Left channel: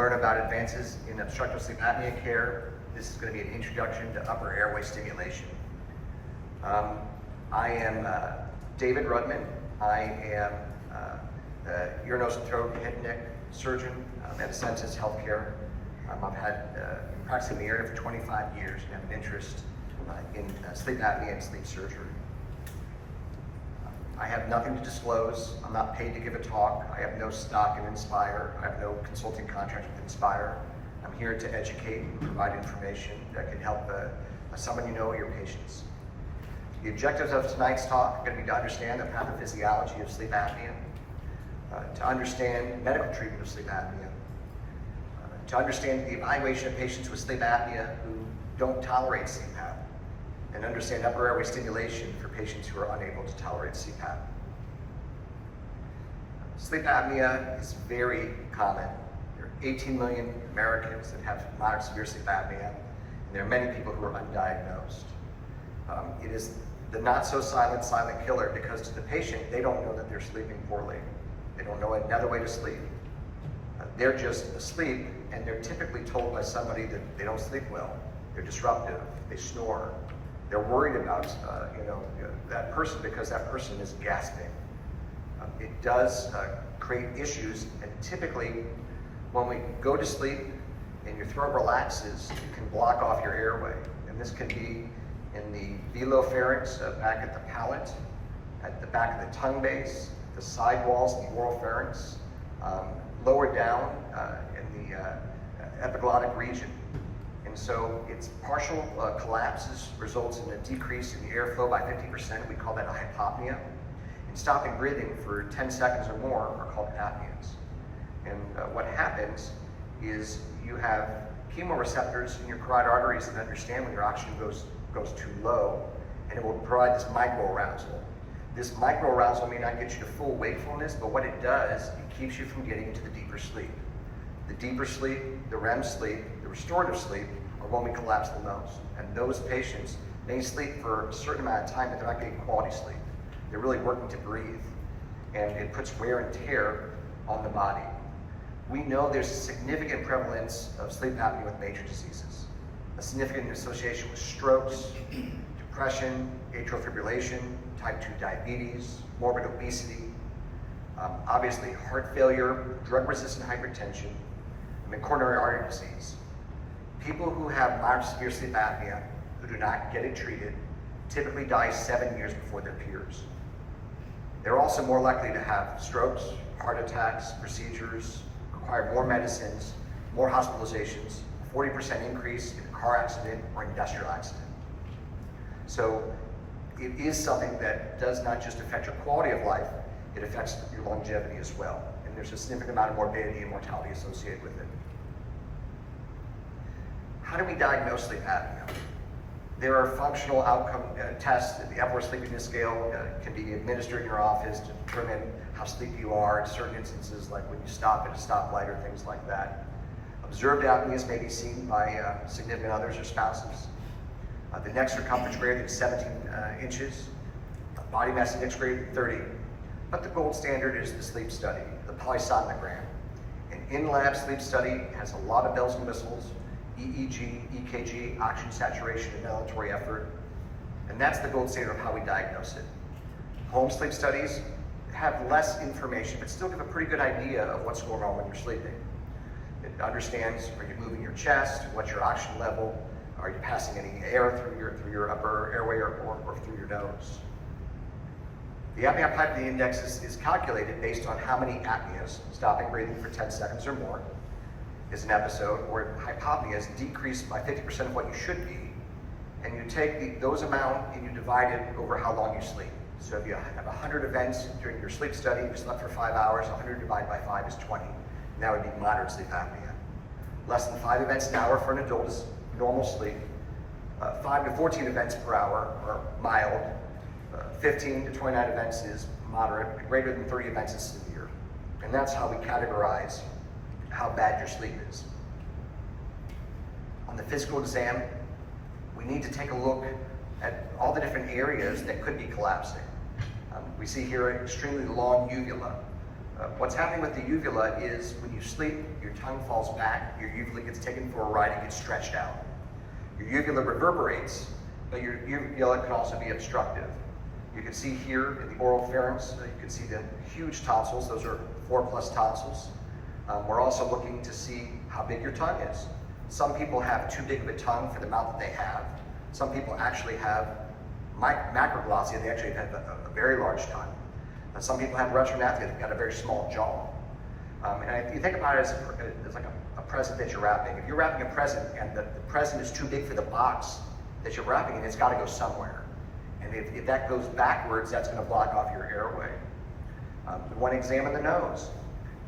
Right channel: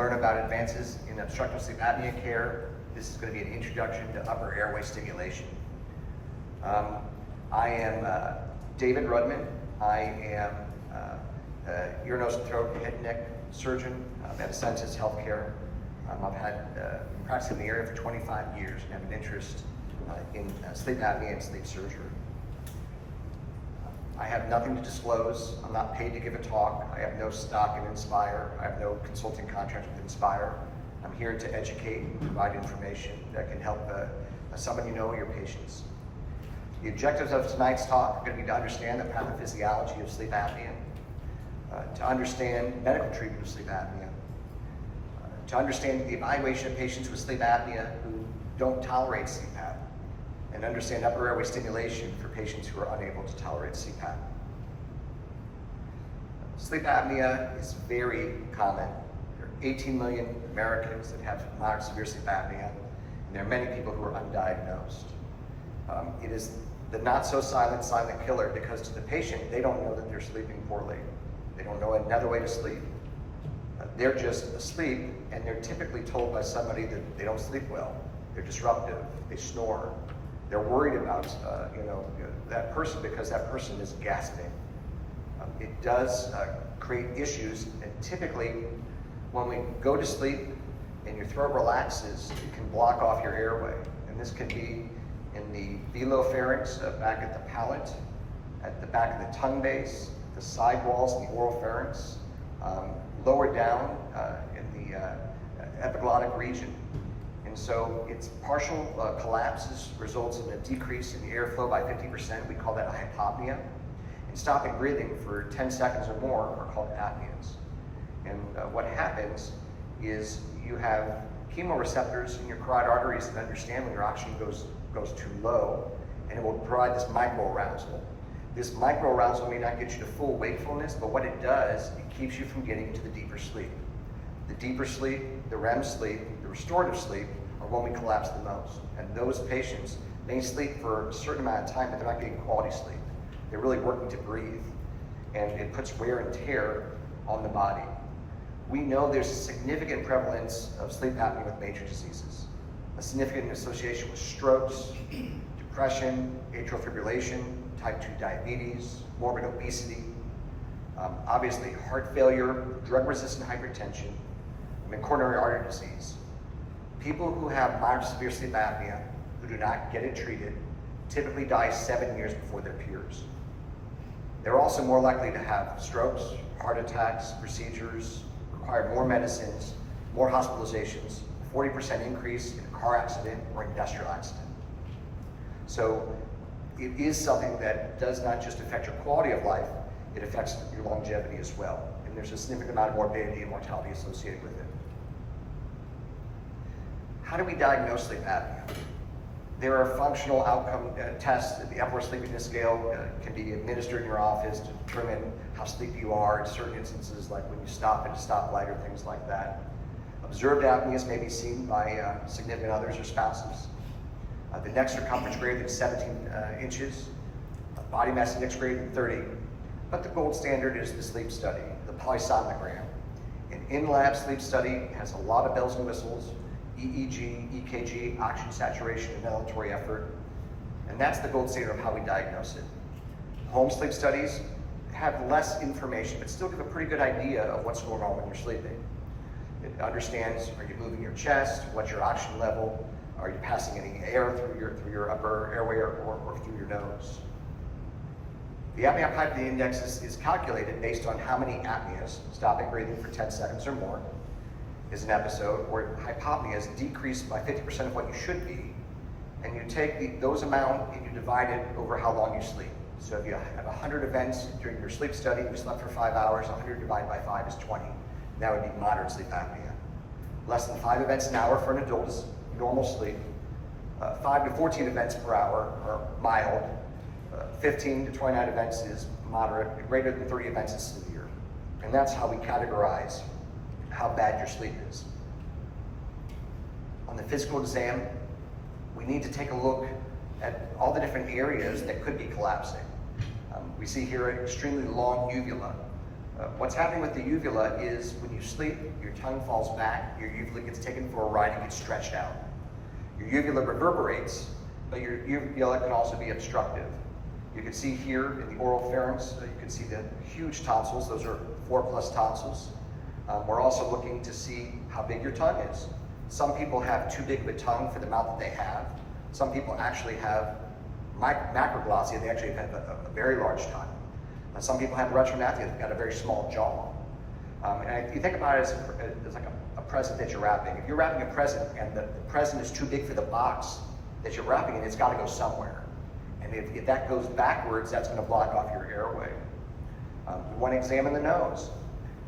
learn about advances in obstructive sleep apnea care. This is going to be an introduction to upper airway stimulation. I am David Rudman. I am the ear, nose, and throat, head and neck surgeon at Ascensus Healthcare. I've had practicing the area for 25 years and have an interest in sleep apnea and sleep surgery. I have nothing to disclose. I'm not paid to give a talk. I have no stock in Inspire. I have no consulting contract with Inspire. I'm here to educate and provide information that can help someone you know, your patients. The objectives of tonight's talk are going to be to understand the pathophysiology of sleep apnea, to understand medical treatment of sleep apnea, to understand the evaluation of patients with sleep apnea who don't tolerate CPAP, and understand upper airway stimulation for patients who are unable to tolerate CPAP. Sleep apnea is very common. There are 18 million Americans that have moderate severe sleep apnea, and there are many people who are undiagnosed. It is the not so silent killer because to the patient, they don't know that they're sleeping poorly. They don't know another way to sleep. They're just asleep, and they're typically told by somebody that they don't sleep well. They're disruptive, they snore. They're worried about that person because that person is gasping. It does create issues, and typically when we go to sleep and your throat relaxes, it can block off your airway. And this can be in the velopharynx, back at the palate, at the back of the tongue base, the side walls of the oropharynx, lower down in the epiglottic region. And so its partial collapses results in a decrease in the airflow by 50%. We call that hypopnea. And stopping breathing for 10 seconds or more are called apneas. And what happens is you have chemoreceptors in your carotid arteries that understand when your oxygen goes too low, and it will provide this microarousal. This microarousal may not get you to full wakefulness, but what it does, it keeps you from getting to the deeper sleep. The deeper sleep, the REM sleep, the restorative sleep are when we collapse the most. And those patients may sleep for a certain amount of time, but they're not getting quality sleep. They're really working to breathe, and it puts wear and tear on the body. We know there's a significant prevalence of sleep apnea with major diseases, a significant association with strokes, depression, atrial fibrillation, type 2 diabetes, morbid obesity, obviously heart failure, drug-resistant hypertension, and coronary artery disease. People who have moderate to severe sleep apnea who do not get it treated typically die 7 years before their peers. They're also more likely to have strokes, heart attacks, procedures, require more medicines, more hospitalizations, 40% increase in car accident or industrial accident. So it is something that does not just affect your quality of life, it affects your longevity as well. And there's a significant amount of morbidity and mortality associated with it. How do we diagnose sleep apnea? There are functional outcome tests. The Epworth Sleepiness Scale can be administered in your office to determine how sleepy you are in certain instances, like when you stop at a stoplight or things like that. Observed apneas may be seen by significant others or spouses. The neck circumference greater than 17 inches, body mass index greater than 30. But the gold standard is the sleep study, the polysomnogram. An in-lab sleep study has a lot of bells and whistles, EEG, EKG, oxygen saturation, and ventilatory effort. And that's the gold standard of how we diagnose it. Home sleep studies have less information, but still give a pretty good idea of what's going on when you're sleeping. It understands, are you moving your chest, what's your oxygen level, are you passing any air through your upper airway or through your nose. The apnea hypopnea index is calculated based on how many apneas, stopping breathing for 10 seconds or more, is an episode where hypopnea is decreased by 50% of what you should be, and you take those amount and you divide it over how long you sleep. So if you have 100 events during your sleep study, you slept for 5 hours, 100 divided by 5 is 20. And that would be moderate sleep apnea. Less than 5 events an hour for an adult is normal sleep. 5 to 14 events per hour are mild. 15 to 29 events is moderate. Greater than 30 events is severe. And that's how we categorize how bad your sleep is. On the physical exam, we need to take a look at all the different areas that could be collapsing. We see here an extremely long uvula, What's happening with the uvula is when you sleep, your tongue falls back, your uvula gets taken for a ride and gets stretched out. Your uvula reverberates, but your uvula can also be obstructive. You can see here in the oral pharynx, you can see the huge tonsils. Those are 4+ tonsils. We're also looking to see how big your tongue is. Some people have too big of a tongue for the amount that they have. Some people actually have macroglossia, they actually have a very large tongue. And some people have retronathia, they've got a very small jaw. And you think about it as like a present that you're wrapping. If you're wrapping a present and the present is too big for the box that you're wrapping in, it's got to go somewhere. And if that goes backwards, that's going to block off your airway. You want to examine the nose.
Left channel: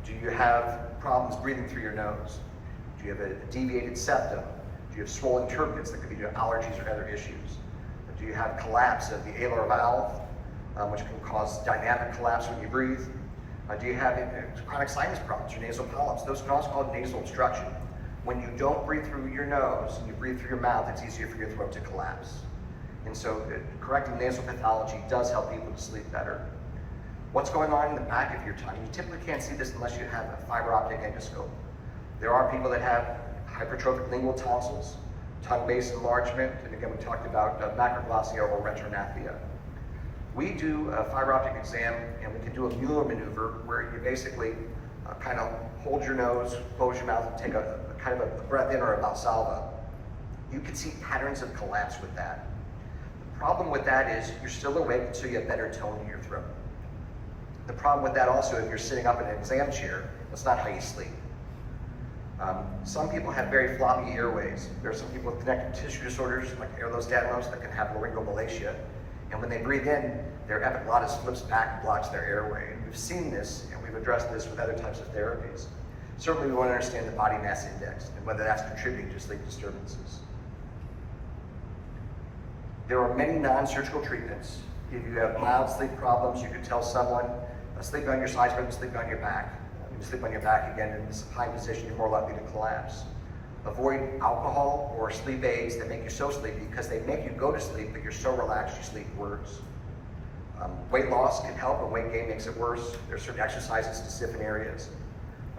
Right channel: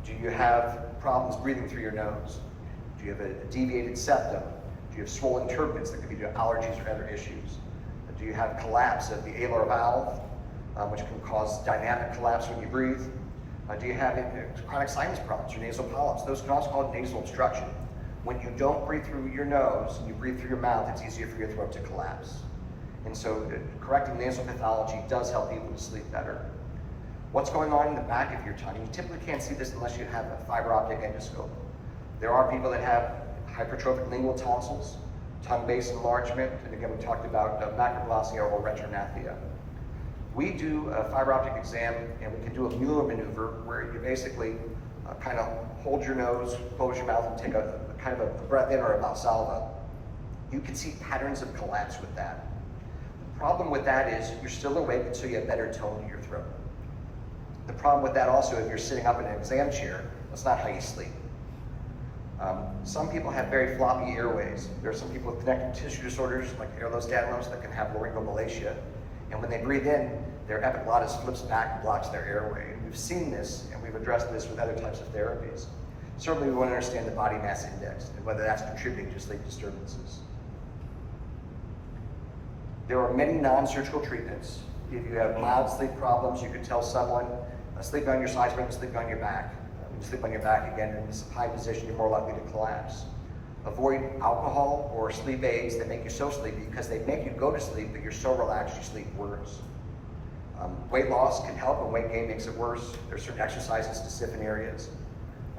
Do you have problems breathing through your nose? Do you have a deviated septum? Do you have swollen turbinates that could be due to allergies or other issues? Do you have collapse of the alar valve, which can cause dynamic collapse when you breathe? Do you have chronic sinus problems or nasal polyps? Those can also cause nasal obstruction. When you don't breathe through your nose and you breathe through your mouth, it's easier for your throat to collapse. And so correcting nasal pathology does help people to sleep better. What's going on in the back of your tongue? You typically can't see this unless you have a fiber optic endoscope. There are people that have hypertrophic lingual tonsils, tongue base enlargement, and again we talked about macroglossia or retronathia. We do a fiber optic exam and we can do a Mueller maneuver where you basically kind of hold your nose, close your mouth, and take a kind of a breath in or a Valsalva. You can see patterns of collapse with that. The problem with that is you're still awake until you have better tone in your throat. The problem with that also, if you're sitting up in an exam chair, that's not how you sleep. Some people have very floppy airways. There are some people with connective tissue disorders like ehlers-Danlos that can have laryngomalacia. And when they breathe in, their epiglottis flips back and blocks their airway. And we've seen this, and we've addressed this with other types of therapies. Certainly we want to understand the body mass index and whether that's contributing to sleep disturbances. There are many non-surgical treatments. If you have mild sleep problems, you can tell someone, sleep on your sides, but sleep on your back. When you sleep on your back, again, in this high position, you're more likely to collapse. Avoid alcohol or sleep aids that make you so sleepy because they make you go to sleep, but you're so relaxed you sleep worse. Weight loss can help, and weight gain makes it worse. There are certain exercises to stiffen areas.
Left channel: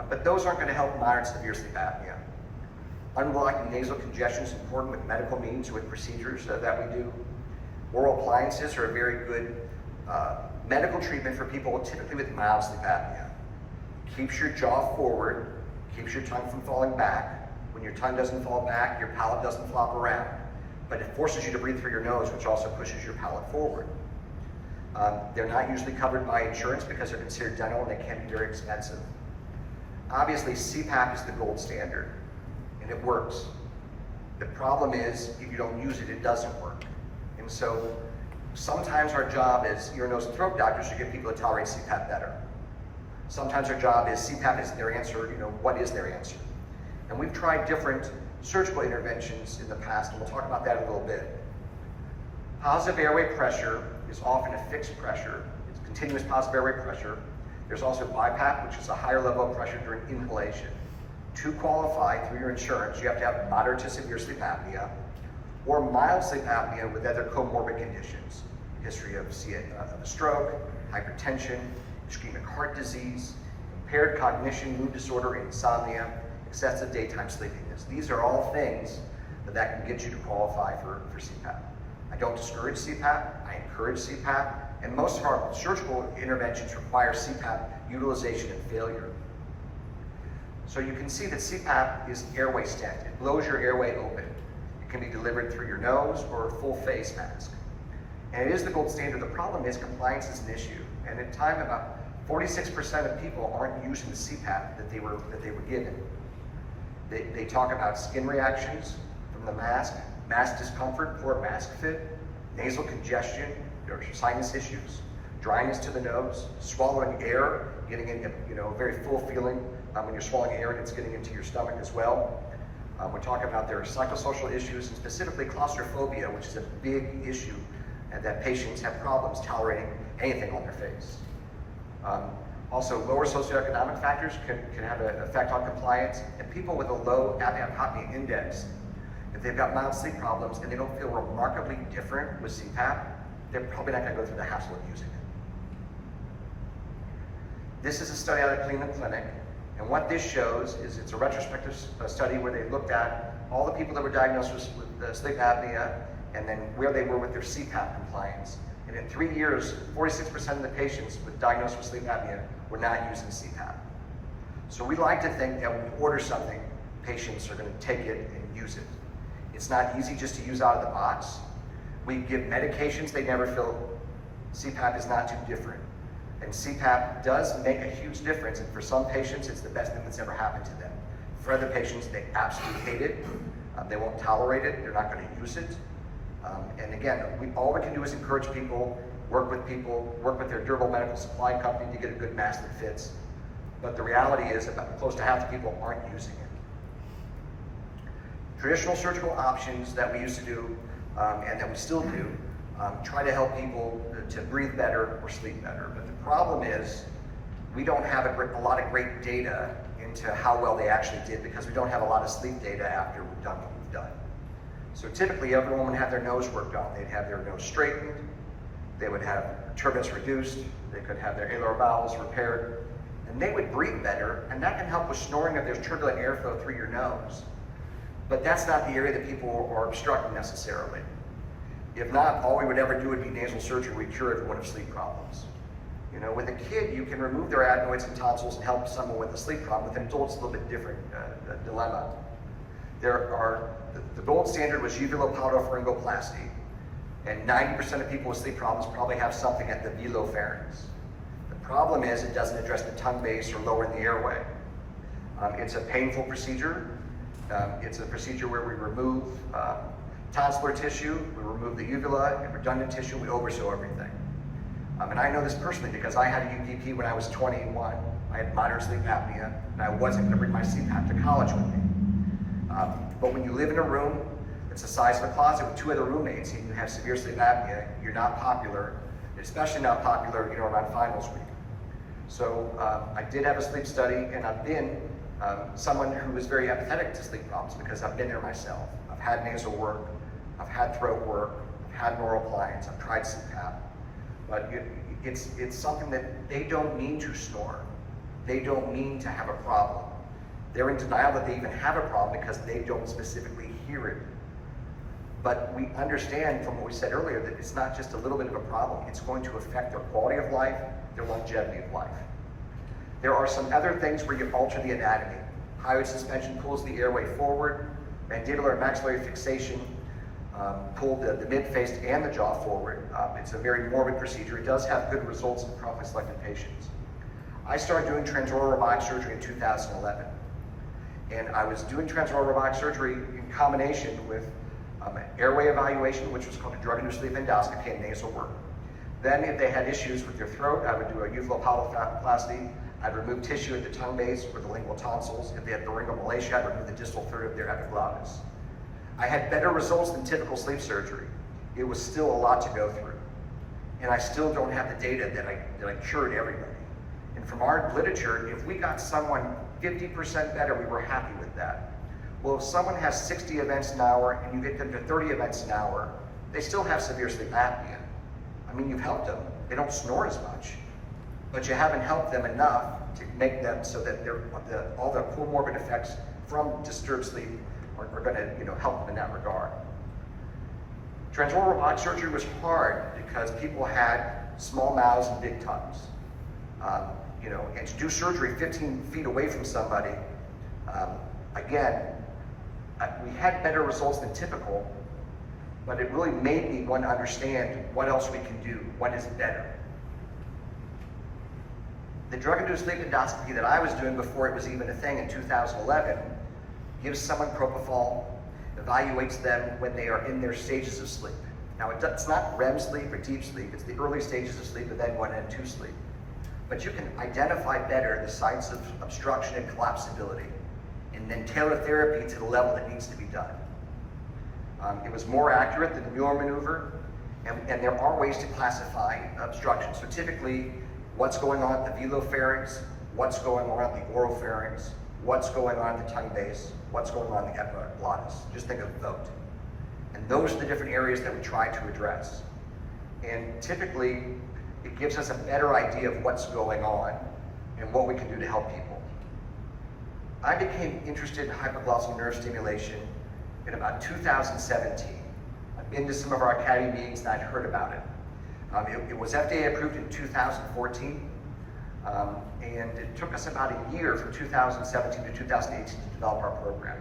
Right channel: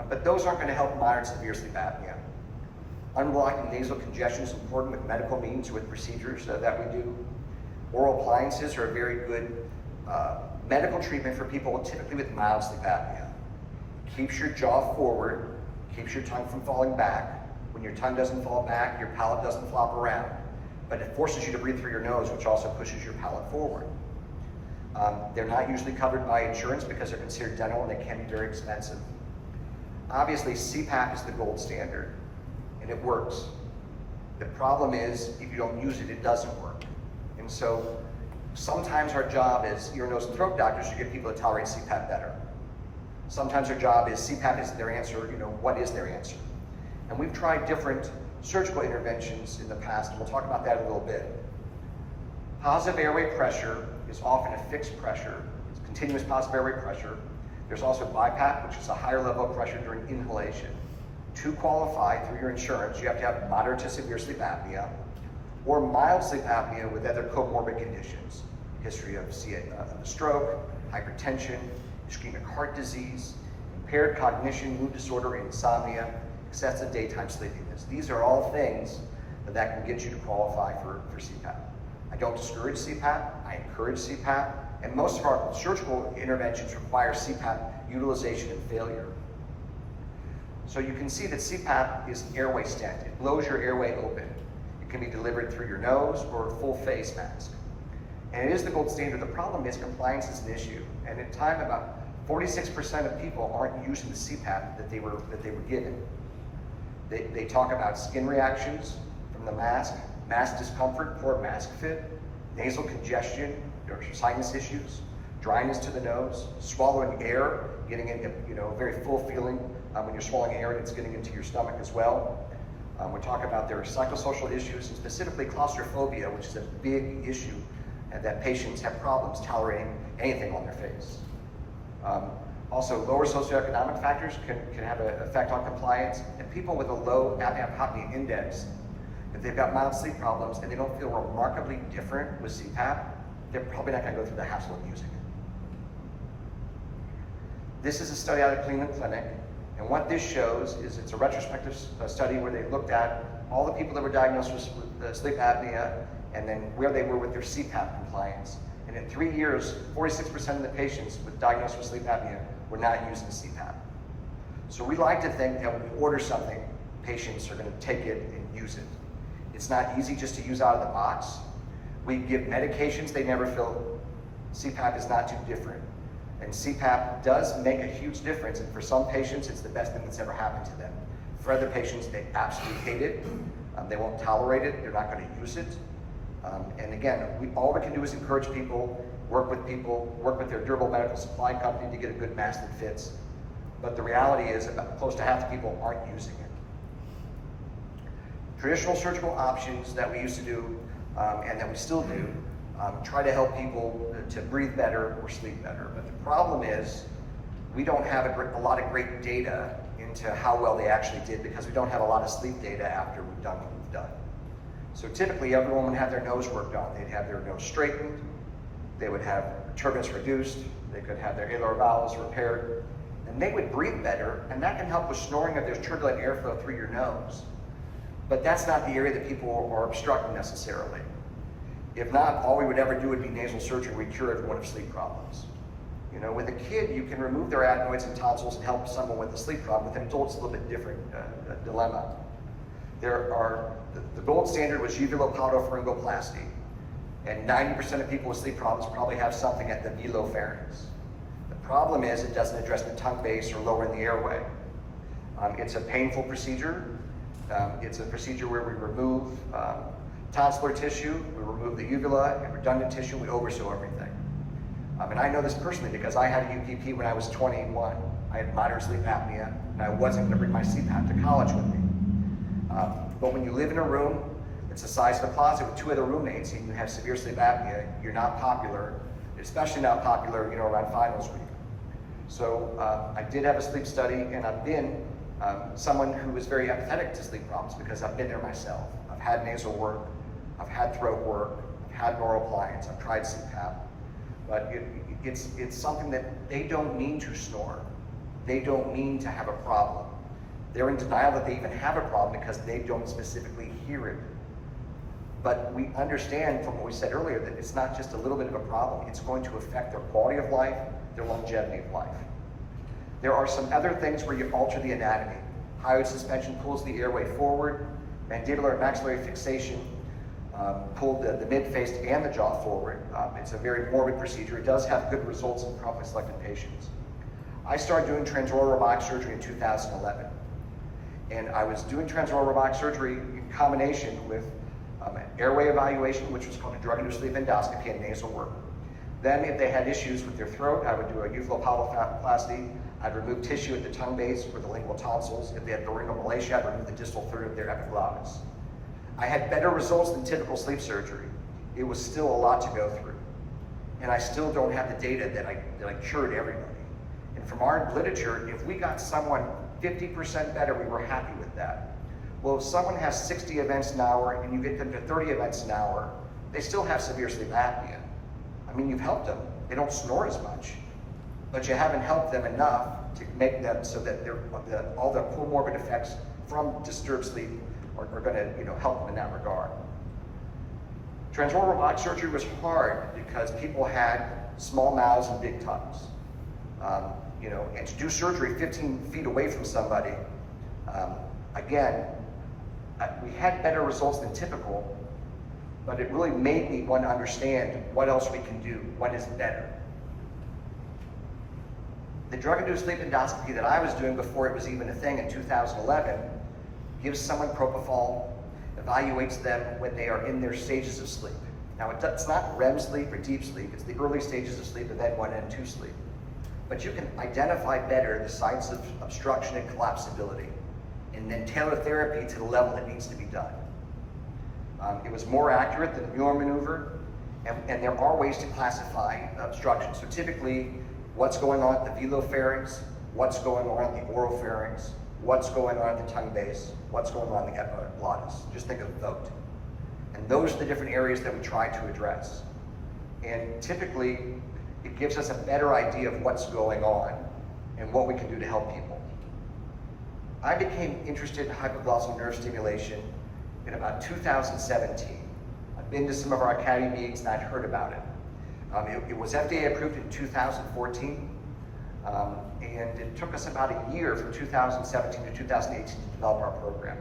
But those aren't going to help moderate severe sleep apnea. Unblocking nasal congestion is important with medical means, with procedures that we do. Oral appliances are a very good medical treatment for people typically with mild sleep apnea. Keeps your jaw forward, keeps your tongue from falling back. When your tongue doesn't fall back, your palate doesn't flop around. But it forces you to breathe through your nose, which also pushes your palate forward. They're not usually covered by insurance because they're considered dental and they can be very expensive. Obviously, CPAP is the gold standard, and it works. The problem is, if you don't use it, it doesn't work. And so, sometimes our job as ear, nose, and throat doctors to get people to tolerate CPAP better. Sometimes our job is CPAP isn't their answer, what is their answer? And we've tried different surgical interventions in the past, and we'll talk about that in a little bit. Positive airway pressure is often a fixed pressure. It's continuous positive airway pressure. There's also BiPAP, which is a higher level of pressure during inhalation. To qualify through your insurance, you have to have moderate to severe sleep apnea or mild sleep apnea with other comorbid conditions. History of a stroke, hypertension, ischemic heart disease, impaired cognition, mood disorder, insomnia, excessive daytime sleepiness. These are all things that can get you to qualify for CPAP. I don't discourage CPAP, I encourage CPAP, and most of our surgical interventions require CPAP utilization and failure. So you can see that CPAP is an airway stent. It blows your airway open. It can be delivered through your nose or a full face mask. And it is the gold standard. The problem is compliance is an issue. And at time, about 46% of people aren't using the CPAP that they were given. They talk about skin reactions from the mask discomfort, poor mask fit, nasal congestion, sinus issues, dryness to the nose, swallowing air, getting into a very full feeling when you're swallowing air and it's getting into your stomach as well. We talk about their psychosocial issues and specifically claustrophobia, which is a big issue, and that patients have problems tolerating anything on their face. Also, lower socioeconomic factors can have an effect on compliance, and people with a low apnea index, if they've got mild sleep problems and they don't feel remarkably different with CPAP, they're probably not going to go through the hassle of using it. This is a study out of Cleveland Clinic, and what this shows is it's a retrospective study where they looked at all the people that were diagnosed with sleep apnea and then where they were with their CPAP compliance. And in 3 years, 46% of the patients with diagnosed with sleep apnea were not using CPAP. So we like to think that when we order something, patients are going to take it and use it. It's not easy just to use out of the box. We give medications they never fill. CPAP is not too different. And CPAP does make a huge difference, and for some patients, it's the best thing that's ever happened to them. For other patients, they absolutely hate it. They won't tolerate it. They're not going to use it. And again, all we can do is encourage people, work with their durable medical supply company to get a good mask that fits. But the reality is about close to half the people aren't using it. Traditional surgical options that we used to do, and that we still do, try to help people to breathe better or sleep better. But the problem is we don't have a lot of great data into how well they actually did because we don't have a lot of sleep data after we've done what we've done. So typically everyone would have their nose worked on. They'd have their nose straightened, they would have turbulence reduced, they could have their alar valves repaired, and they would breathe better, and that can help with snoring if there's turbulent airflow through your nose. But that's not the area that people are obstructing necessarily. If not, all we would ever do would be nasal surgery. We cure everyone of sleep problems. You know, with a kid, you can remove their adenoids and tonsils and help someone with a sleep problem. With an adult, it's a little bit different dilemma. The gold standard was uvulopalato-pharyngoplasty, and 90% of people with sleep problems probably have something at the velopharynx. The problem is it doesn't address the tongue base or lower the airway. It's a painful procedure. It's a procedure where we remove tonsillar tissue, we remove the uvula, and redundant tissue, we oversew everything. And I know this personally because I had a UPP when I was 21. I had moderate sleep apnea, and I wasn't going to bring my CPAP to college with me. But when you live in a room that's the size of a closet with 2 other roommates and you have severe sleep apnea, you're not popular, especially not popular, around finals week. So I did have a sleep study, and I've been someone who is very empathetic to sleep problems because I've been there myself. I've had nasal work, I've had throat work, I've had neural appliance, I've tried CPAP. But it's something that they don't mean to snore. They don't mean to have a problem. They're in denial that they even have a problem because they don't specifically hear it. But we understand from what we said earlier that it's not just a little bit of a problem. It's going to affect their quality of life, their longevity of life. There are some other things where you alter the anatomy. Hyoid suspension pulls the airway forward. Mandibular maxillary fixation pull the mid-face and the jaw forward. It's a very morbid procedure. It does have good results in promptly selected patients. I started doing transoral robotic surgery in 2011. And I was doing transoral robotic surgery in combination with airway evaluation, which was called a drug-induced sleep endoscopy, and nasal work. Then if they had issues with their throat, I would do a uvulopalato-plasty. I'd remove tissue at the tongue base or the lingual tonsils. If they had laryngomalacia, I'd remove the distal third of their epiglottis. I had better results than typical sleep surgery. It was still a lot to go through. And I still don't have the data that I cured everybody. And from our literature, if we got someone 50% better, we were happy with that. Well, if someone has 60 events an hour and you get them to 30 events an hour, they still have severe sleep apnea. I mean, you've helped them. They don't snore as much, but you haven't helped them enough to make them so that all the comorbid effects from disturbed sleep are going to help them in that regard. Transoral robotic surgery was hard because people had small mouths and big tongues. And to do surgery 15 feet away from somebody, again, we had better results than typical, but it really made me want to understand what else we can do, what is better. The drug-induced sleep endoscopy that I was doing before it was even a thing in 2011 gives someone propofol, evaluates them when they are in their stages of sleep. Now, it's not REM sleep or deep sleep, it's the early stages of sleep and then 1 and 2 sleep. But you can identify better the signs of obstruction and collapsibility, and then tailor therapy to the level that needs to be done. It was more accurate than the Mueller maneuver, and there are ways to classify obstruction. So typically, what's going on at the velopharynx, what's going on at the oropharynx, what's going on at the tongue base, what's going on in the epiglottis. Just think of the throat. And those are the different areas that we try to address. And typically, it gives us a better idea of what's going on. and what we can do to help people. I became interested in hypoglossal nerve stimulation in about 2017. I've been to some of our academy meetings and I'd heard about it. It was FDA approved in 2014, and it took us about a year from 2017 to 2018 to develop our program.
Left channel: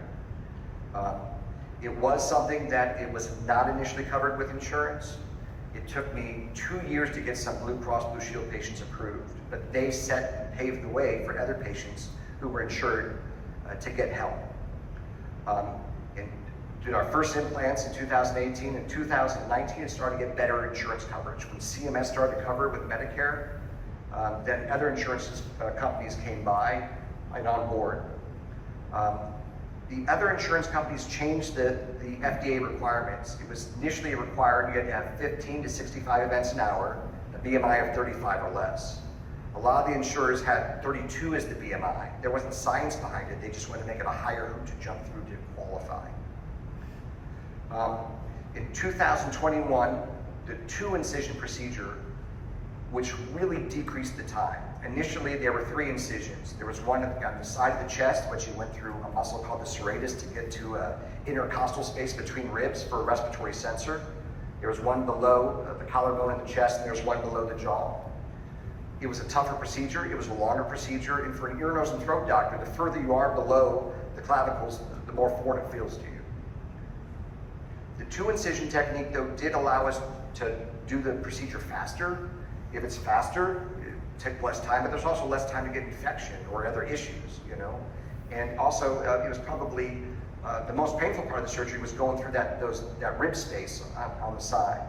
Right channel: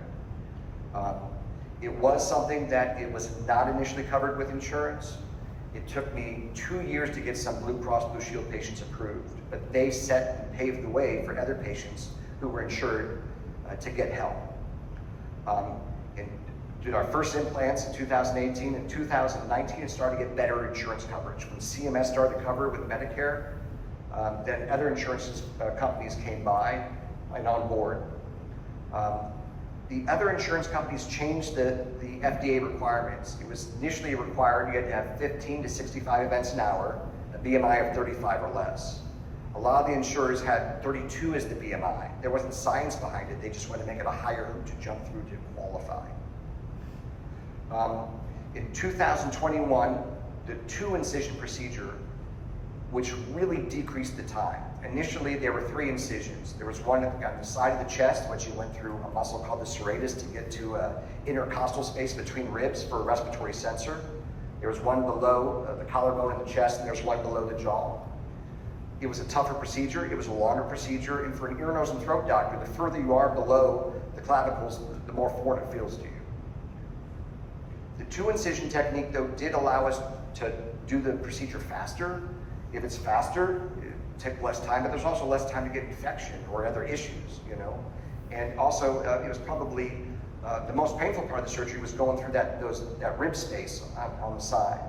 It was something that it was not initially covered with insurance. It took me 2 years to get some Blue Cross Blue Shield patients approved, but they set and paved the way for other patients who were insured to get help. And did our first implants in 2018. In 2019, it started to get better insurance coverage. When CMS started to cover it with Medicare, then other insurance companies came by and on board. The other insurance companies changed the FDA requirements. It was initially required you had to have 15 to 65 events an hour, a BMI of 35 or less. A lot of the insurers had 32 as the BMI. There wasn't science behind it. They just wanted to make it a higher hoop to jump through to qualify. In 2021, the 2-incision procedure, which really decreased the time. Initially, there were 3 incisions. There was one on the side of the chest, which you went through a muscle called the serratus to get to intercostal space between ribs for a respiratory sensor. There was one below the collarbone in the chest, and there was one below the jaw. It was a tougher procedure. It was a longer procedure, and for an ear, nose, and throat doctor, the further you are below the clavicles, the more foreign it feels to you. The 2-incision technique, though, did allow us to do the procedure faster. If it's faster, it takes less time, but there's also less time to get infection or other issues, you know. And also, it was probably the most painful part of the surgery was going through that rib space on the side.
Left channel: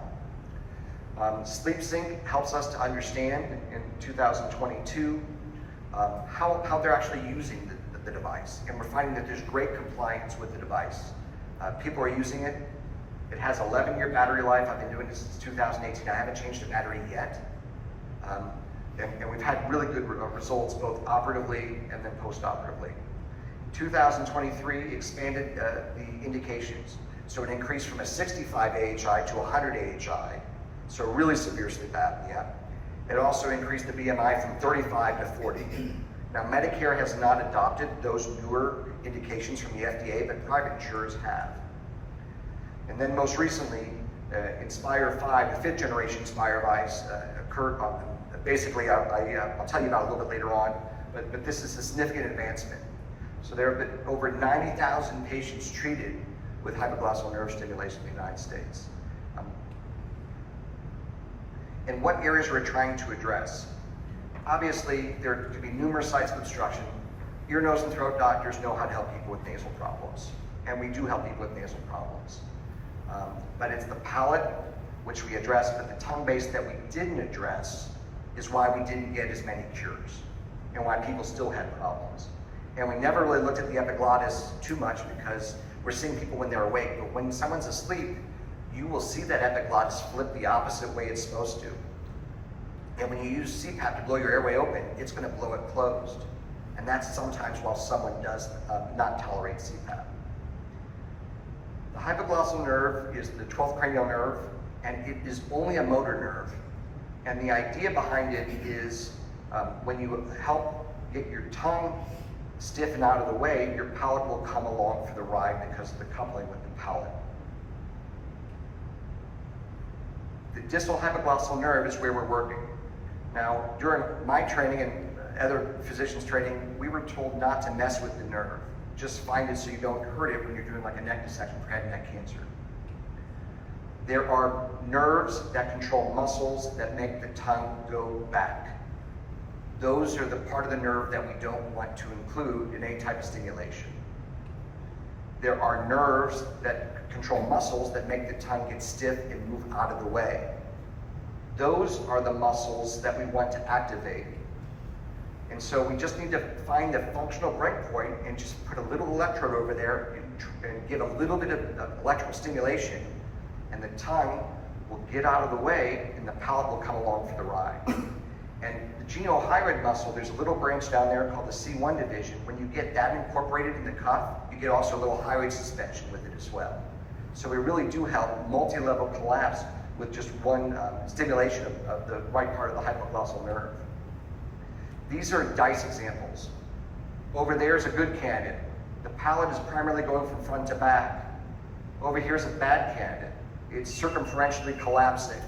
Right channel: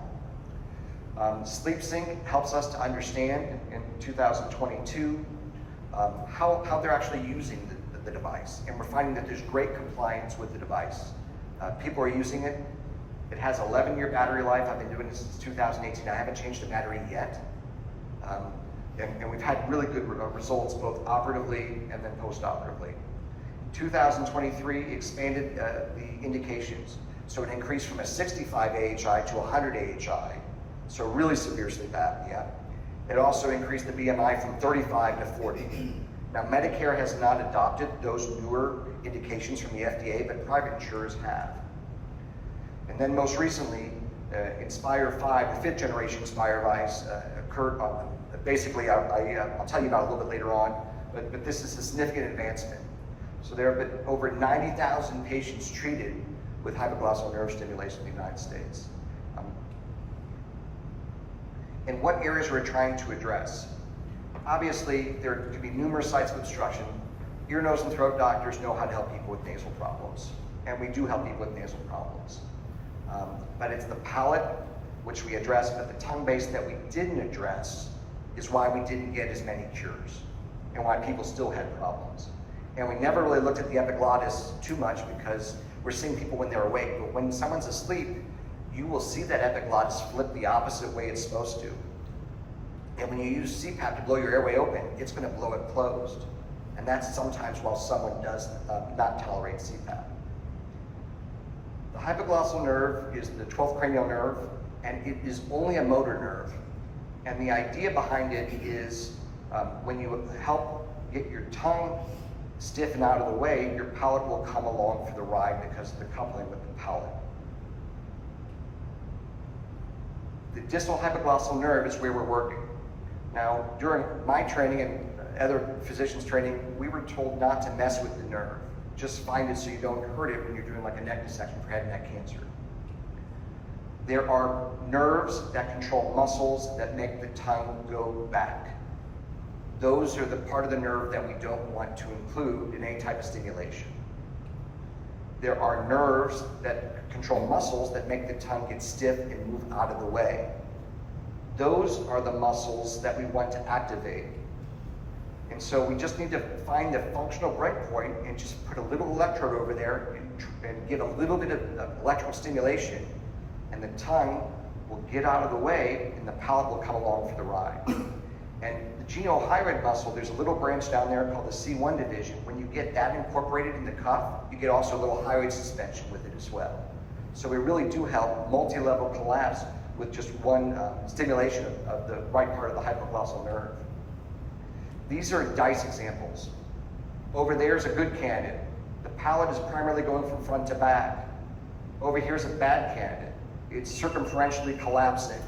SleepSync helps us to understand in 2022 how they're actually using the device, and we're finding that there's great compliance with the device. People are using it. It has 11-year battery life. I've been doing this since 2018. I haven't changed the battery yet. And we've had really good results both operatively and then post-operatively. In 2023, expanded the indications. So it increased from a 65 AHI to 100 AHI, so really severe sleep apnea. It also increased the BMI from 35 to 40. Now, Medicare has not adopted those newer indications from the FDA, but private insurers have. And then most recently, Inspire 5, the 5th generation Inspire device, occurred. Basically, I'll tell you about it a little bit later on, but this is a significant advancement. So there have been over 90,000 patients treated with hypoglossal nerve stimulation in the United States. And what areas we're trying to address? Obviously, there could be numerous sites of obstruction. Ear, nose, and throat doctors know how to help people with nasal problems, and we do help people with nasal problems. But it's the palate, which we address, but the tongue base that we didn't address is why we didn't get as many cures and why people still had problems. And we never really looked at the epiglottis too much because we're seeing people when they're awake, but when someone's asleep, you will see that epiglottis flip the opposite way it's supposed to. And when you use CPAP to blow your airway open, it's going to blow it closed. And that's sometimes while someone does not tolerate CPAP. The hypoglossal nerve is the 12th cranial nerve, and it is only a motor nerve. And the idea behind it is when you help get your tongue stiff and out of the way, your palate will come along for the ride because of the coupling of the palate. The distal hypoglossal nerve is where we're working. Now, during my training and other physicians' training, we were told not to mess with the nerve. Just find it so you don't hurt it when you're doing like a neck dissection for head and neck cancer. There are nerves that control muscles that make the tongue go back. Those are the part of the nerve that we don't want to include in any type of stimulation. There are nerves that control muscles that make the tongue get stiff and move out of the way. Those are the muscles that we want to activate. And so we just need to find a functional breakpoint and just put a little electrode over there and give a little bit of electrical stimulation, and the tongue will get out of the way and the palate will come along for the ride. And the genohyoid muscle, there's a little branch down there called the C1 division. When you get that incorporated in the cuff, you get also a little hyoid suspension with it as well. So we really do help multi-level collapse with just one stimulation of the right part of the hypoglossal nerve. These are DICE examples. Over there is a good candidate. The palate is primarily going from front to back. Over here is a bad candidate. It's circumferentially collapsing.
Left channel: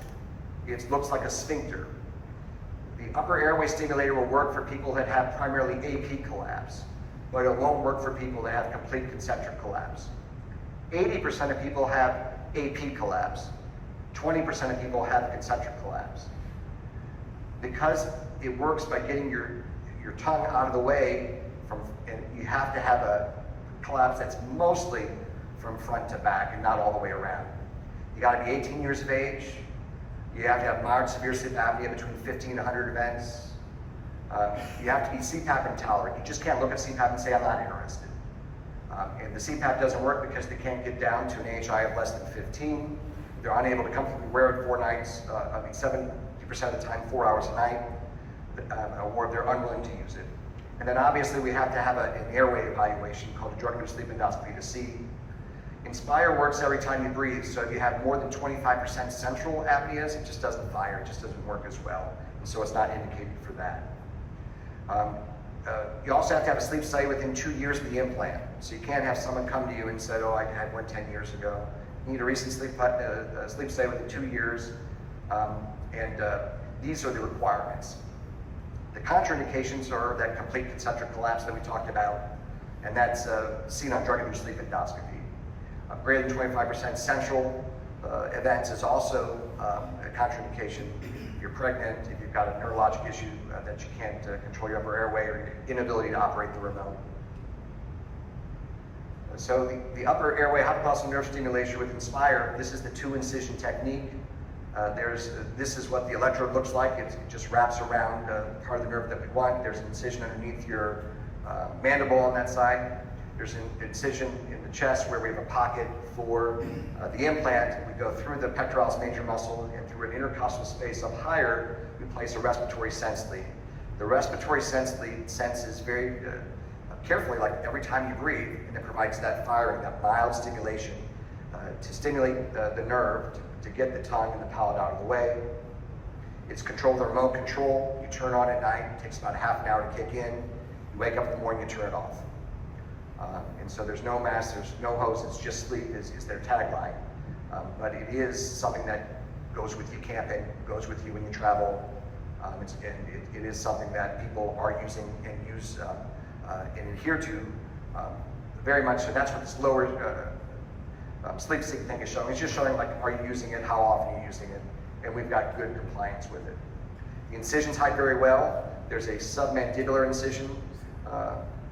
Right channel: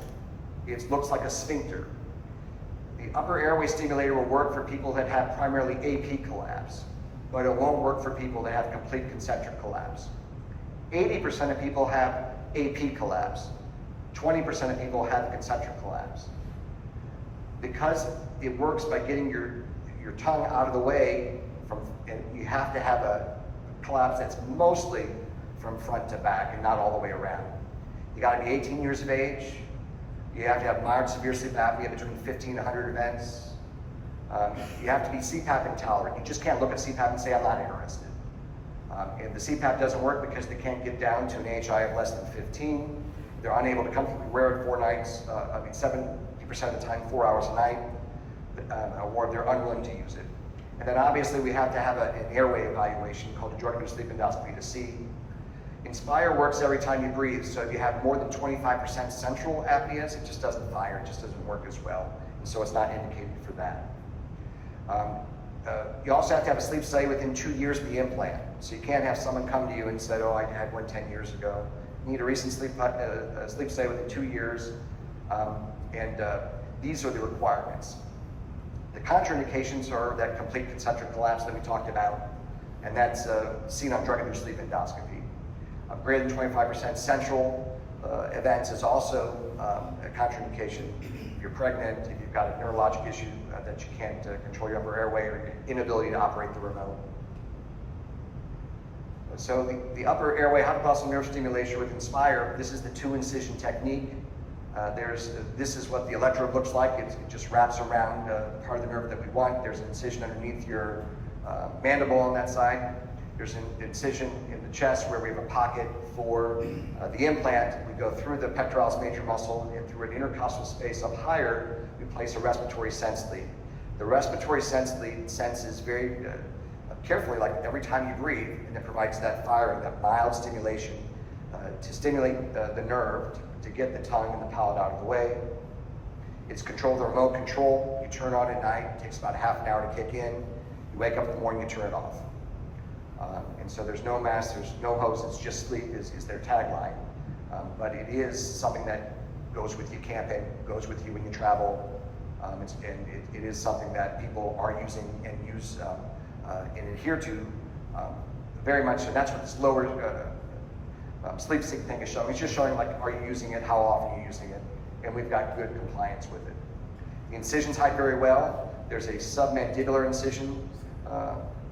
It looks like a sphincter. The upper airway stimulator will work for people that have primarily AP collapse, but it won't work for people that have complete concentric collapse. 80% of people have AP collapse. 20% of people have concentric collapse. Because it works by getting your tongue out of the way, and you have to have a collapse that's mostly from front to back and not all the way around. You gotta be 18 years of age. You have to have mild severe sleep apnea between 50 and 100 events. You have to be CPAP intolerant. You just can't look at CPAP and say, I'm not interested. And the CPAP doesn't work because they can't get down to an AHI of less than 15. They're unable to comfortably wear it 4 nights, 70% of the time, 4 hours a night, or they're unwilling to use it. And then obviously we have to have an airway evaluation called a drug-induced sleep endoscopy to see. Inspire works every time you breathe, so if you have more than 25% central apneas, it just doesn't fire, it just doesn't work as well. And so it's not indicated for that. You also have to have a sleep study within 2 years of the implant. So you can't have someone come to you and say, oh, I had one 10 years ago. You need a recent sleep study within 2 years, and these are the requirements. The contraindications are that complete concentric collapse that we talked about, and that's seen on drug-induced sleep endoscopy. Greater than 25% central events is also a contraindication. If you're pregnant, if you've got a neurologic issue that you can't control your upper airway, or inability to operate the remote. So the upper airway hypoglossal nerve stimulation with Inspire, this is the 2-incision technique. This is what the electrode looks like. It just wraps around part of the nerve that we want. There's an incision underneath your mandible on that side. There's an incision in the chest where we have a pocket for the implant. We go through the pectoralis major muscle, and through an intercostal space up higher, we place a respiratory sense lead. The respiratory sense lead senses very carefully, like every time you breathe, and it provides that firing, that mild stimulation to stimulate the nerve, to get the tongue and the palate out of the way. It's controlled with remote control. You turn it on at night, it takes about half an hour to kick in. You wake up in the morning and turn it off. And so there's no mask, there's no hose, it's just sleep is their tagline. But it is something that goes with you camping, goes with you when you travel, and it is something that people are using and use and adhere to very much, and that's what this lower sleep sync thing is showing. It's just showing, like, are you using it, how often are you using it, and we've got good compliance with it. The incisions hide very well. There's a submandibular incision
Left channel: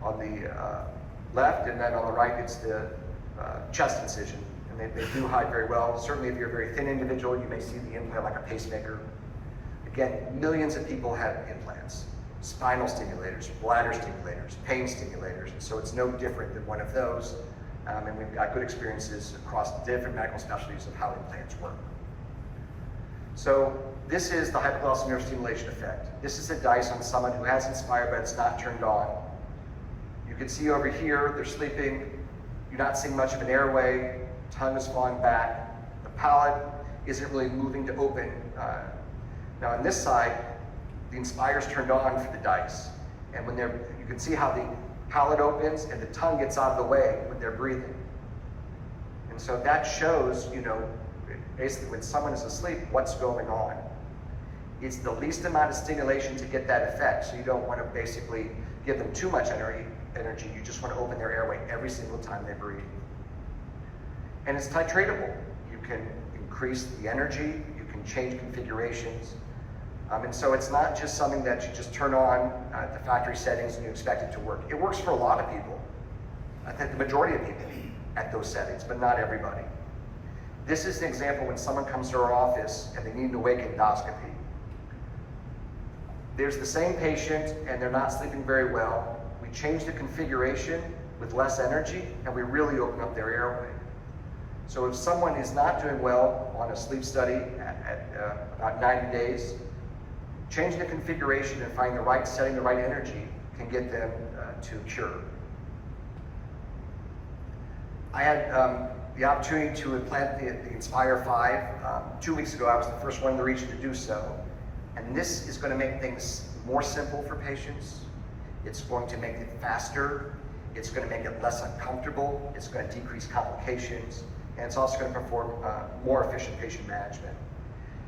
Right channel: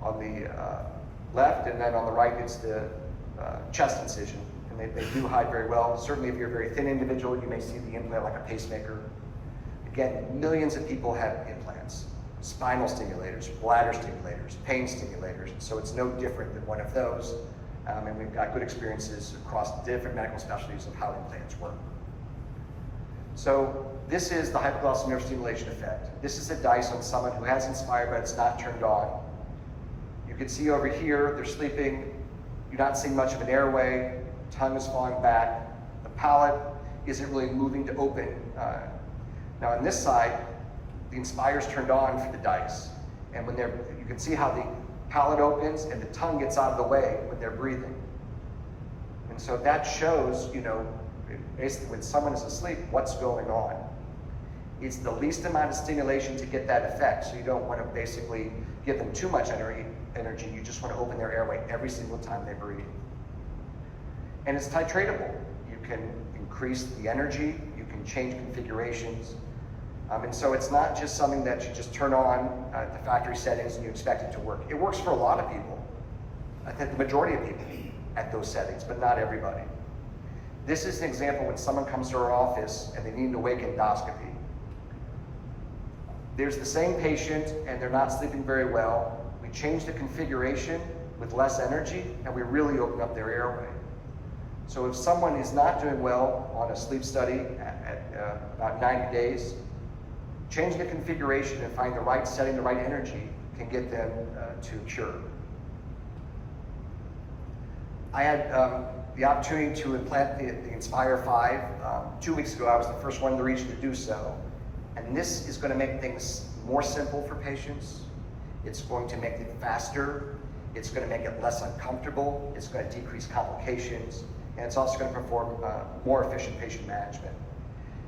on the left, and then on the right it's the chest incision, and they do hide very well. Certainly if you're a very thin individual, you may see the implant like a pacemaker. Again, millions of people have implants, spinal stimulators, bladder stimulators, pain stimulators, so it's no different than one of those. And we've got good experiences across different medical specialties of how implants work. So this is the hypoglossal nerve stimulation effect. This is a DICE on someone who has Inspire but it's not turned on. You can see over here, they're sleeping, you're not seeing much of an airway, tongue is falling back, the palate isn't really moving to open. Now on this side, the Inspire's turned on for the DICE. And when you can see how the palate opens and the tongue gets out of the way when they're breathing. And so that shows, basically when someone is asleep, what's going on. It's the least amount of stimulation to get that effect, so you don't want to basically give them too much energy. You just want to open their airway every single time they breathe. And it's titratable. You can increase the energy, you can change configurations. And so it's not just something that you just turn on at the factory settings and you expect it to work. It works for a lot of people. I think the majority of people at those settings, but not everybody. This is an example when someone comes to our office and they need an awake endoscopy. There's the same patient and they're not sleeping very well. We change the configuration with less energy and we really open up their airway. So if someone is not doing well on a sleep study at about 90 days, changing the configuration and finding the right setting, the right energy can get them to cure. I had the opportunity to implant the Inspire 5. 2 weeks ago, I was the first one in the region to do so. And this is going to make things more simple for patients. It's going to make it faster. It's going to make it less uncomfortable. It's going to decrease complications. And it's also going to perform more efficient patient management.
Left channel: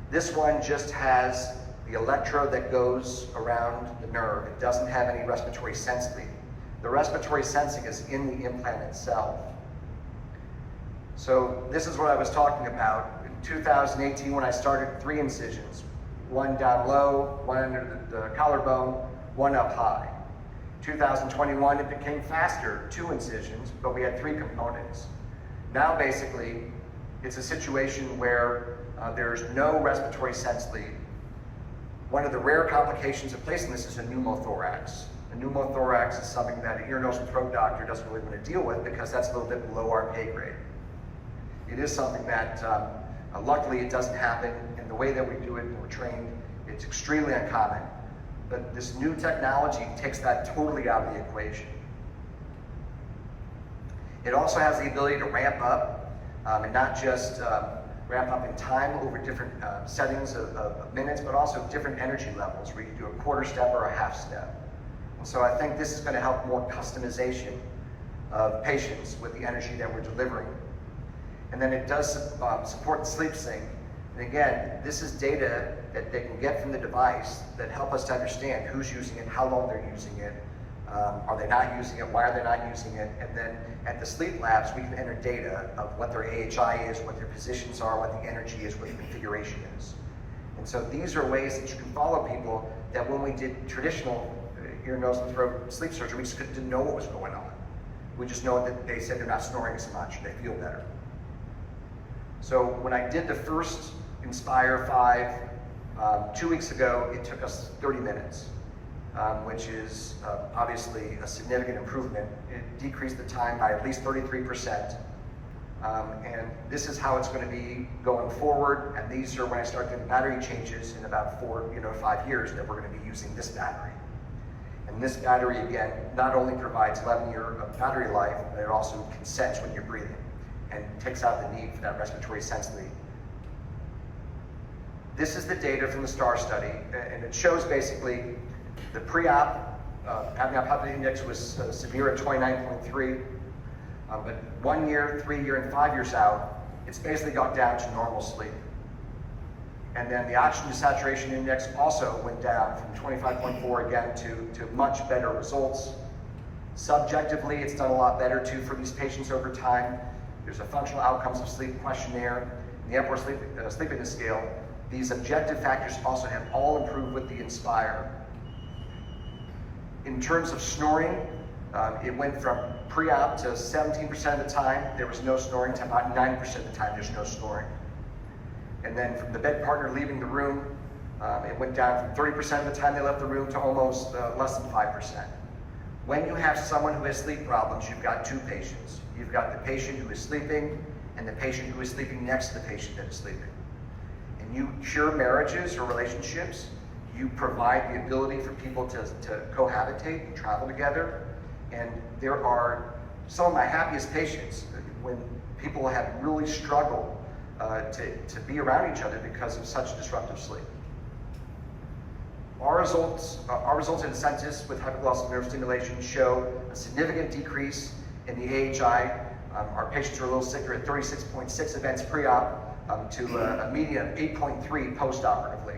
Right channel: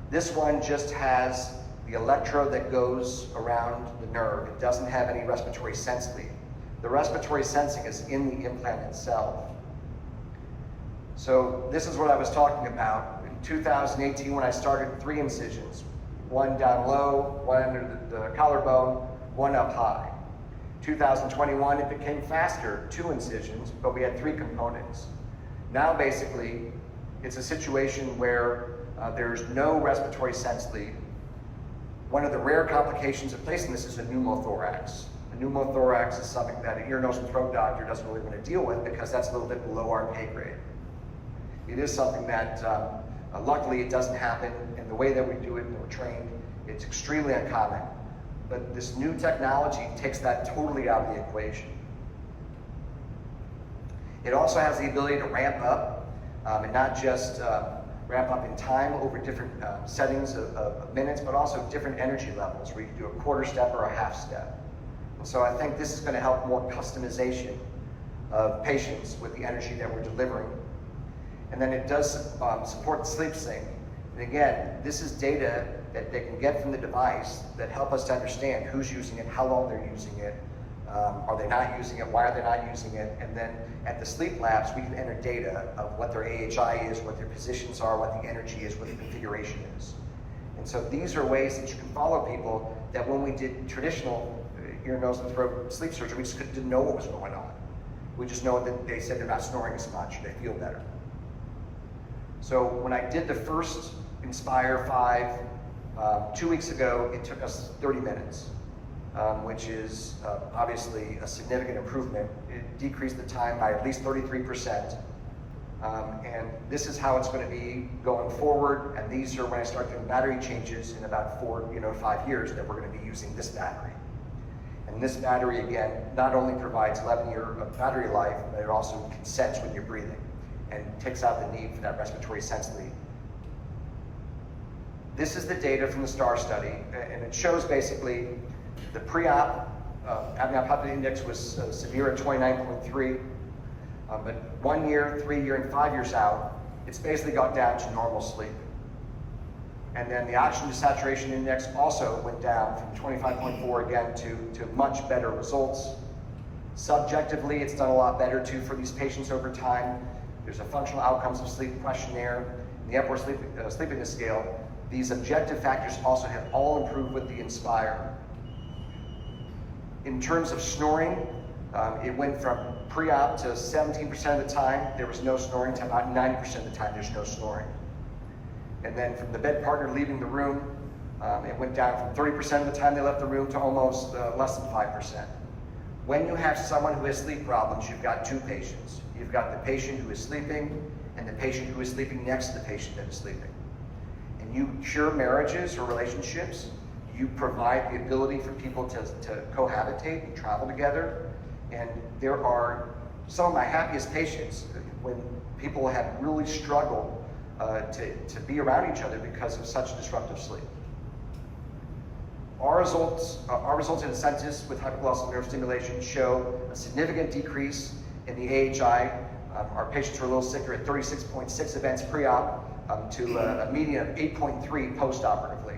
This one just has the electrode that goes around the nerve. It doesn't have any respiratory sensing. The respiratory sensing is in the implant itself. So this is what I was talking about. In 2018, when I started, 3 incisions. One down low, one under the collarbone, one up high. 2021, it became faster, 2 incisions, but we had 3 components. Now basically, it's a situation where there's no respiratory sense lead. One of the rare complications of placing this is a pneumothorax. A pneumothorax is something that an ear, nose, and throat doctor doesn't really want to deal with because that's a little bit below our pay grade. It is something that, luckily, it doesn't happen, and the way that we do it and we're trained, it's extremely uncommon. But this new technology takes that totally out of the equation. It also has the ability to ramp up, and not just ramp up in time over different settings of minutes, but also different energy levels, where you do a quarter step or a half step. And so I think this is going to help more customization of patients with the energy that we're delivering. And then it does support sleep sync. And again, this is data that they can get from the device that help us to understand who's using it, how long they're using it, are they not using it, why are they not using it, and then at the sleep labs we can enter data of what their AHI is, what their positions are, what the energy is, what the configuration is. And so these are ways that you can follow people that when we did traditional ear, nose, and throat sleep surgery, we just didn't know what was going on. We just know that they said they're not snoring as much, they feel better. So when I did the first Inspire 5 2 weeks ago, it took us 30 minutes, which is obviously a significant improvement. It decreased the time by at least 33%. And this is how it's going to be going forward. And these are when I start doing battery changes in about 5 years that we're going to be using this battery. And this battery, again, not only provides 11 years of battery life, but it also can sense when you're breathing and takes out the need for that respiratory sense lead. This is the data from the STAR study, and it shows basically the pre-op apnea index was severe at 29.3, but 1 year, 3 year, and 5 years out, it's basically got down to normal sleep. And then the oxygen desaturation index also went down from 25.4 again to much better results. Subjectively, it's done a lot better too for these patients over time. There's a functional outcomes of sleep questionnaire, the Epworth sleepiness scale. These objective factors also have all improved with the Inspire. In terms of snoring, it went from pre-op to 17% of the time there was no snoring to about 9% of the time there's no snoring. And then from the bed partner leaving the room, it went down from 30% of the time they left the room to almost less than 5%. When you have someone who has sleep problems, you've got 2 patients. You've got the patient who is sleeping and the patient who is sleeping next to the patient that is sleeping. And you cure marriages or relationships. You provide the ability for people to cohabitate and travel together. And there are some of my happiest patients when people have really struggled to be around each other because of such disruptive sleep. Our results in census with hypoglossal nerve stimulation show a significant decrease in the AHI. Our patients were a little sicker at 36.6 events pre-op to a median of 8.3 post-operatively.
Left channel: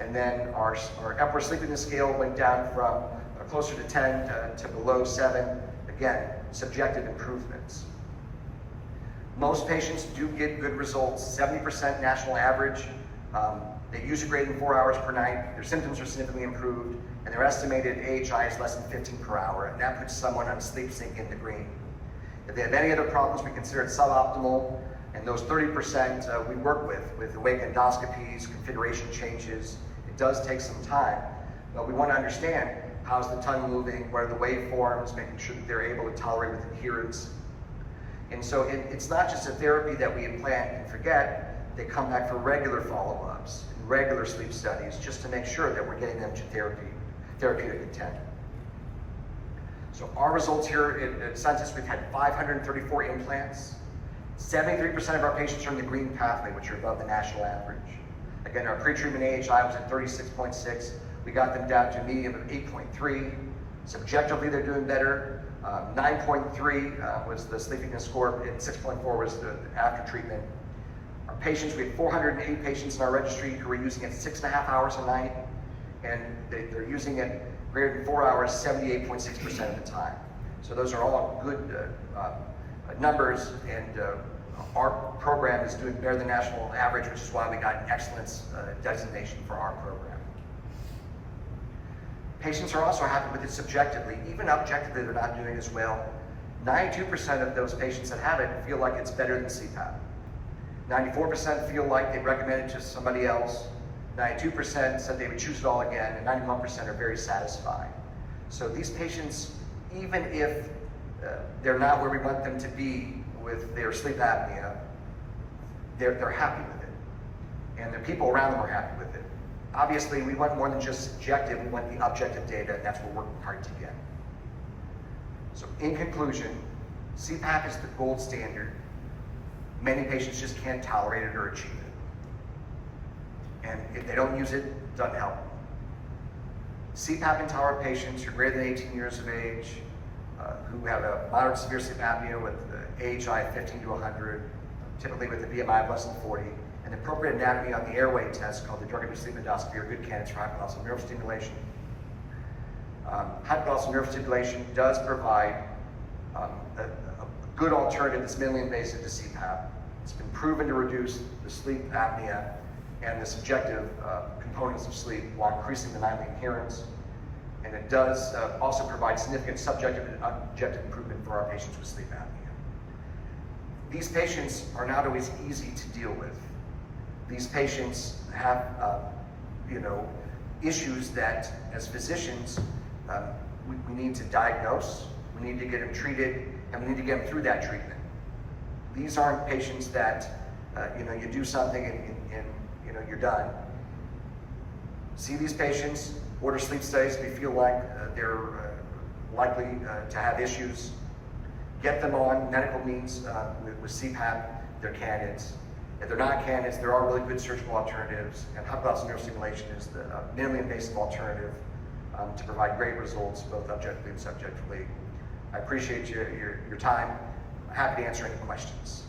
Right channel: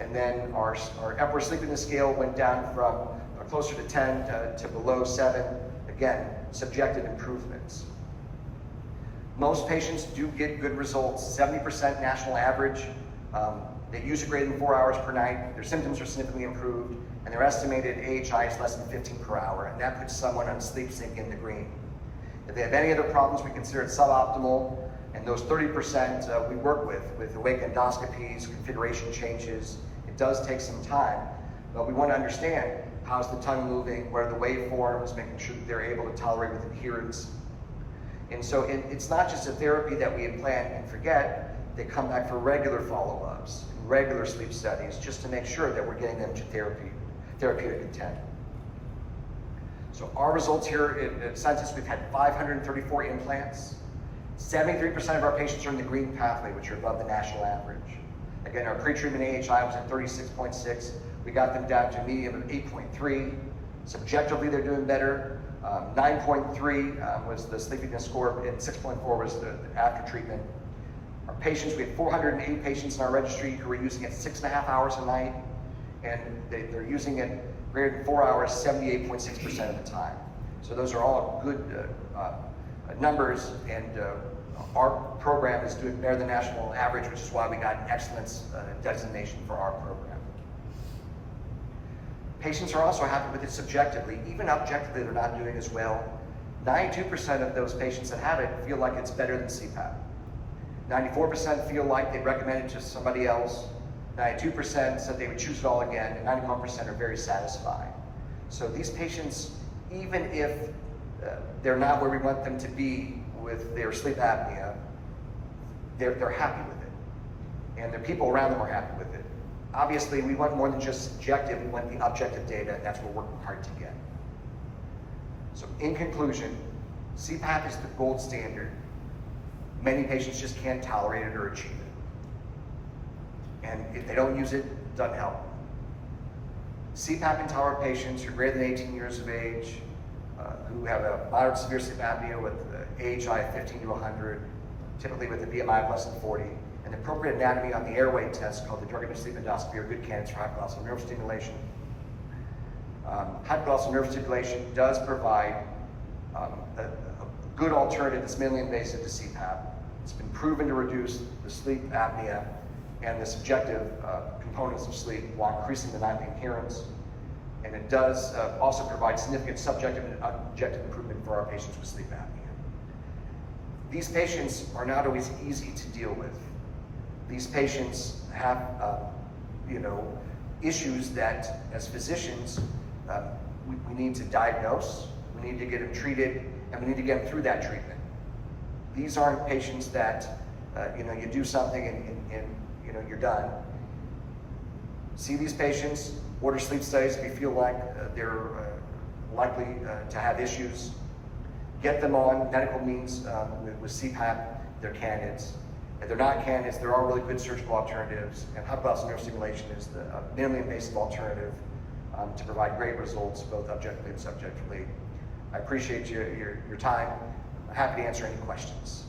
And then our Epworth sleepiness scale went down from closer to 10 to below 7. Again, subjective improvements. Most patients do get good results, 70% national average. They use a greater than 4 hours per night. Their symptoms are significantly improved, and their estimated AHI is less than 15 per hour, and that puts someone on sleep sync in the green. If they have any other problems, we consider it suboptimal, and those 30% we work with awake endoscopies, configuration changes. It does take some time, but we want to understand how's the tongue moving, what are the waveforms, making sure that they're able to tolerate with adherence. And so it's not just a therapy that we implant and forget. They come back for regular follow-ups, regular sleep studies, just to make sure that we're getting them to therapeutic intent. So our results here at Census, we've had 534 implants. 73% of our patients are in the green pathway, which are above the national average. Again, our pre-treatment AHI was at 36.6. We got them down to a median of 8.3. Subjectively, they're doing better. 9.3 was the sleepiness score, and 6.4 was the after treatment. Our patients, we had 408 patients in our registry who were using it 6.5 hours a night, and they're using it greater than 4 hours 78.6% of the time. So those are all good numbers, and our program is doing better than national average, which is why we got an excellence designation for our program. Patients are also happy with it subjectively. Even objectively, they're not doing as well. 92% of those patients that have it feel like it's better than CPAP. 94% feel like they'd recommend it to somebody else. 92% said they would choose it all again, and 91% are very satisfied. So these patients, even if they're not where we want them to be with their sleep apnea, they're happy with it. And the people around them are happy with it. Obviously, we want more than just subjective, we want the objective data, and that's what we're working hard to get. So in conclusion, CPAP is the gold standard. Many patients just can't tolerate it or achieve it. And if they don't use it, it doesn't help. CPAP intolerant patients who are greater than 18 years of age, who have a moderate severe sleep apnea with the AHI of 15 to 100, typically with a BMI of less than 40, and appropriate anatomy on the airway test called the drug-induced sleep endoscopy are good candidates for hypoglossal nerve stimulation. Hypoglossal nerve stimulation does provide a good alternative that's minimally invasive to CPAP. It's been proven to reduce the sleep apnea and the subjective components of sleep while increasing the nightly adherence. And it does also provide significant subjective and objective improvement for our patients with sleep apnea. These patients are not always easy to deal with. These patients have, issues that, as physicians, we need to diagnose, we need to get them treated, and we need to get them through that treatment. These aren't patients that, you do something and you're done. See these patients, order sleep studies if you feel like they're likely to have issues. Get them on medical means with CPAP, they're candidates. If they're not candidates, there are really good surgical alternatives, and hypoglossal nerve stimulation is the minimally invasive alternative to provide great results, both objectively and subjectively. I appreciate your time. I'm happy to answer any questions.